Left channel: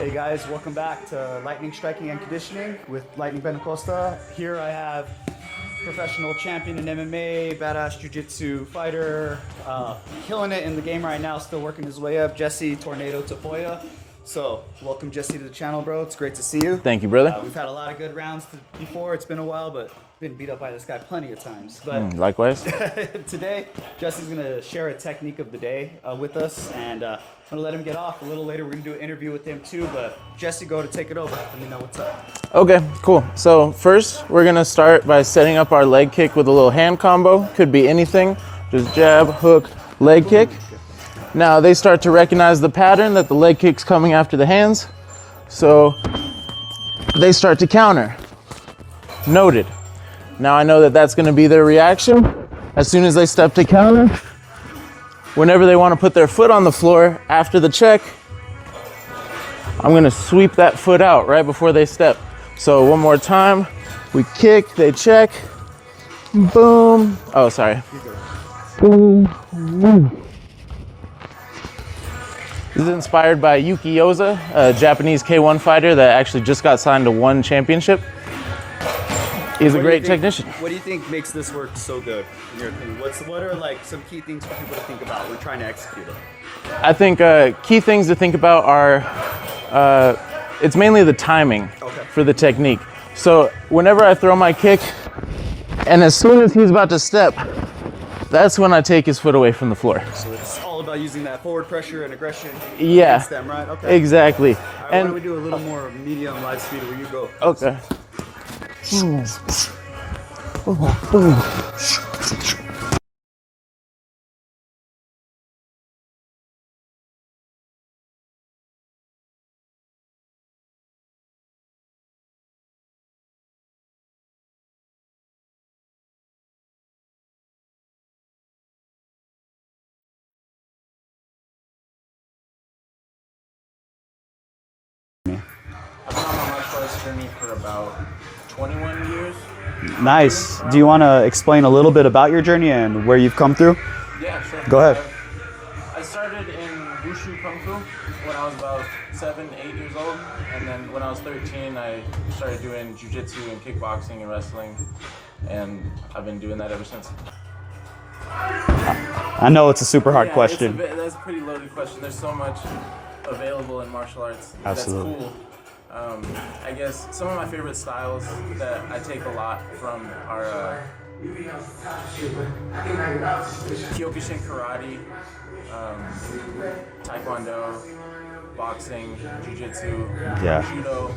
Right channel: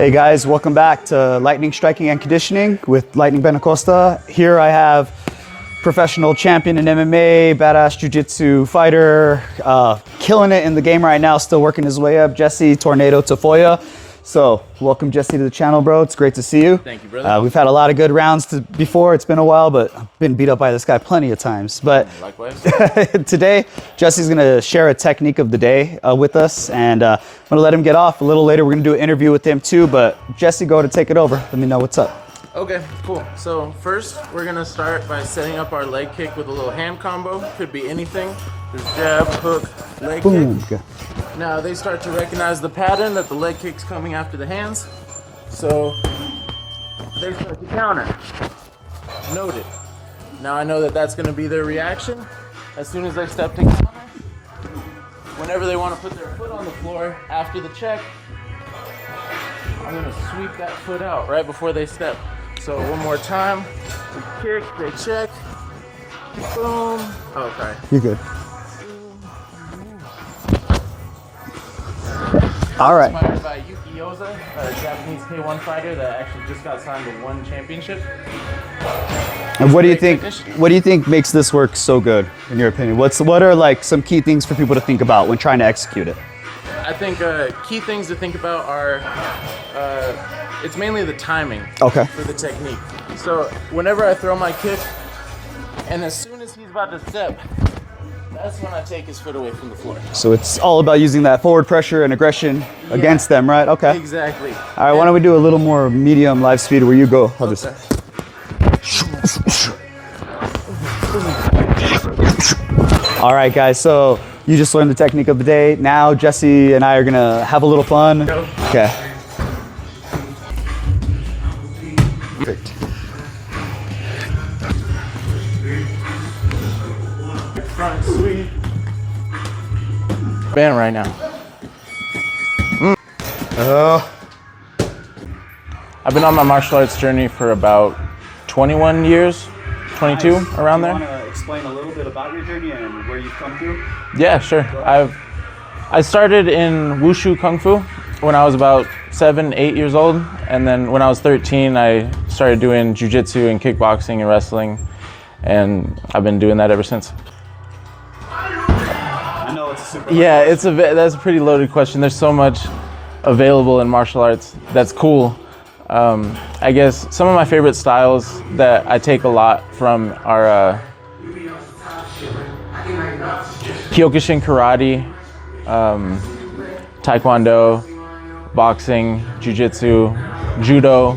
Hey guys, welcome back to Lightning Striking and Conditioning with Lightning Benacosta. Here I have professional champion in MMA, badass jiu-jitsu fighter, killing it in the game right now, still working his way up, Jesse Tornado Tafoya. So welcome Jesse to the channel, bro. It's great to see you. Thank you, brother. We've had a lot of good rounds before. It's been a while, but I've been beat up by this guy plenty of times. But likewise. Today, Jesse's gonna share a technique of the day with us, and I'm gonna let him get off. A little later, we're gonna do an interview with him too, but Jesse, go to take it over. Let me know what's up. Okay, cool. So first, we're gonna start by setting up our leg kick with a little hand combo. Could be anything, just jab, hook, leg kick. Okay. Now they start to recognize the pattern that the leg kick's coming after the hands. So they start to counter. Noted. Now I know that that's gonna be their reaction. As soon as they step to counter, whenever they wanna put their foot on the floor after the check, I'm gonna sweep that foot out right before they step. So one more time, we kick, they check, boom. Oh, sorry. You're good. Boom. All right. Inspired by Yuki Yoza, a Japanese K1 fighter that actually just got signed to one championship. And what do you think makes this work so good, in your opinion? What are like some key things for people to think about when trying to execute it? I think key things to think about are, it's mainly the timing for the technique. So whenever I throw my kick, and as soon as he's about to step, that's when I take his foot away from the floor. So it's all about using that forward pressure and aggression against them, right? Okay. Exactly. All right, why don't we do a little more medium live speed where you go. Okay. All right, guys, so you just learned the technique of the day. Now Jesse and I are gonna have a little fun. Okay. Perfect. Front sweep. Bam right now. I've been on my martial arts journey for about 21 years, 22, nice. around Do you there. want to explain a little bit about your journey and where you've come through? Yeah, sure. Go ahead. I started in Wushu Kung Fu when I was about 7, 8 years old. And then when I was 13, I started doing jiu-jitsu and kickboxing and wrestling. And I've been doing that ever since. I know it's a super hard question. Yeah, that's a pretty loaded question. There's so much available in martial arts. Absolutely. That's cool. I guess some of my favorite styles that I take a lot from are Kyokushin karate, taekwondo, boxing, jiu-jitsu, judo,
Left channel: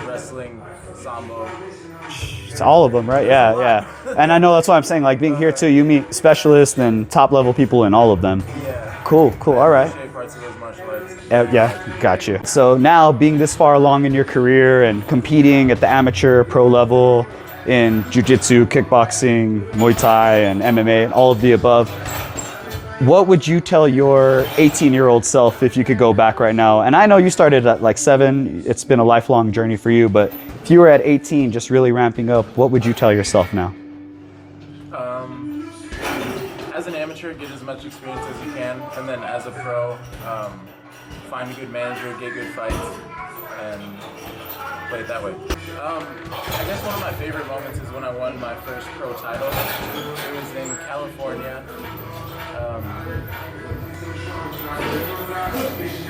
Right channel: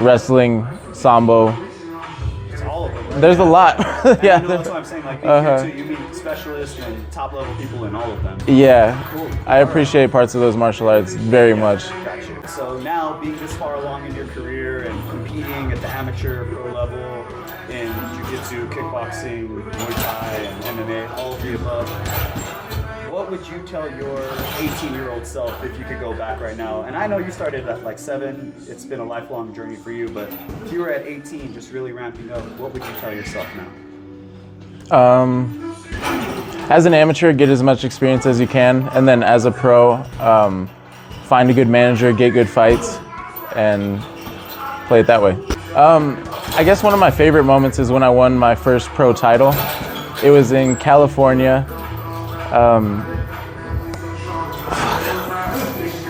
wrestling, sambo. It's all of them, right? There's a lot. Yeah. And I know that's why I'm saying, like, being here too, you meet specialists and top level people in all of them. Yeah. Cool. I appreciate parts of those martial arts very much. Got you. So now, being this far along in your career and competing at the amateur pro level in jiu-jitsu, kickboxing, Muay Thai, and MMA, and all of the above, what would you tell your 18-year-old self if you could go back right now? And I know you started at like 7, it's been a lifelong journey for you, but if you were at 18, just really ramping up, what would you tell yourself now? As an amateur, get as much experience as you can, and then as a pro, find a good manager, get good fights, and play it that way. I guess one of my favorite moments is when I won my first pro title. It was in California.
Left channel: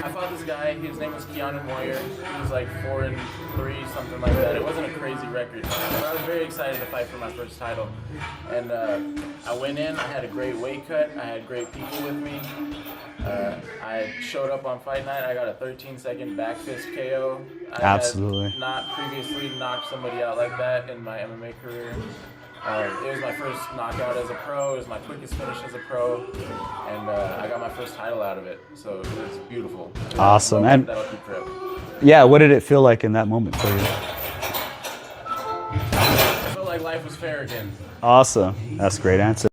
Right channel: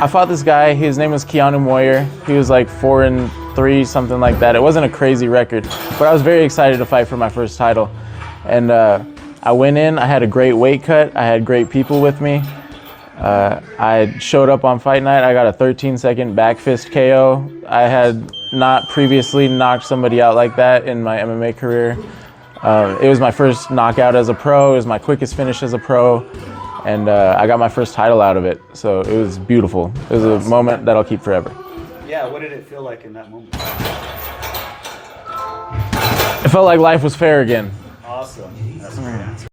I fought this guy, his name was Keanu Moyer. He was like 4-3, something like that. It wasn't a crazy record, but I was very excited to fight for my first title. And I went in, I had a great weight cut, I had great people with me. I showed up on fight night, I got a 13-second back fist KO. I had not previously knocked somebody out like that in my MMA career. It was my first knockout as a pro, it was my quickest finish as a pro, and I got my first title out of it, so it was beautiful. It was a moment that I'll keep forever. Yeah, what did it feel like in that moment for you? It felt like life was fair again. Awesome, that's a great answer.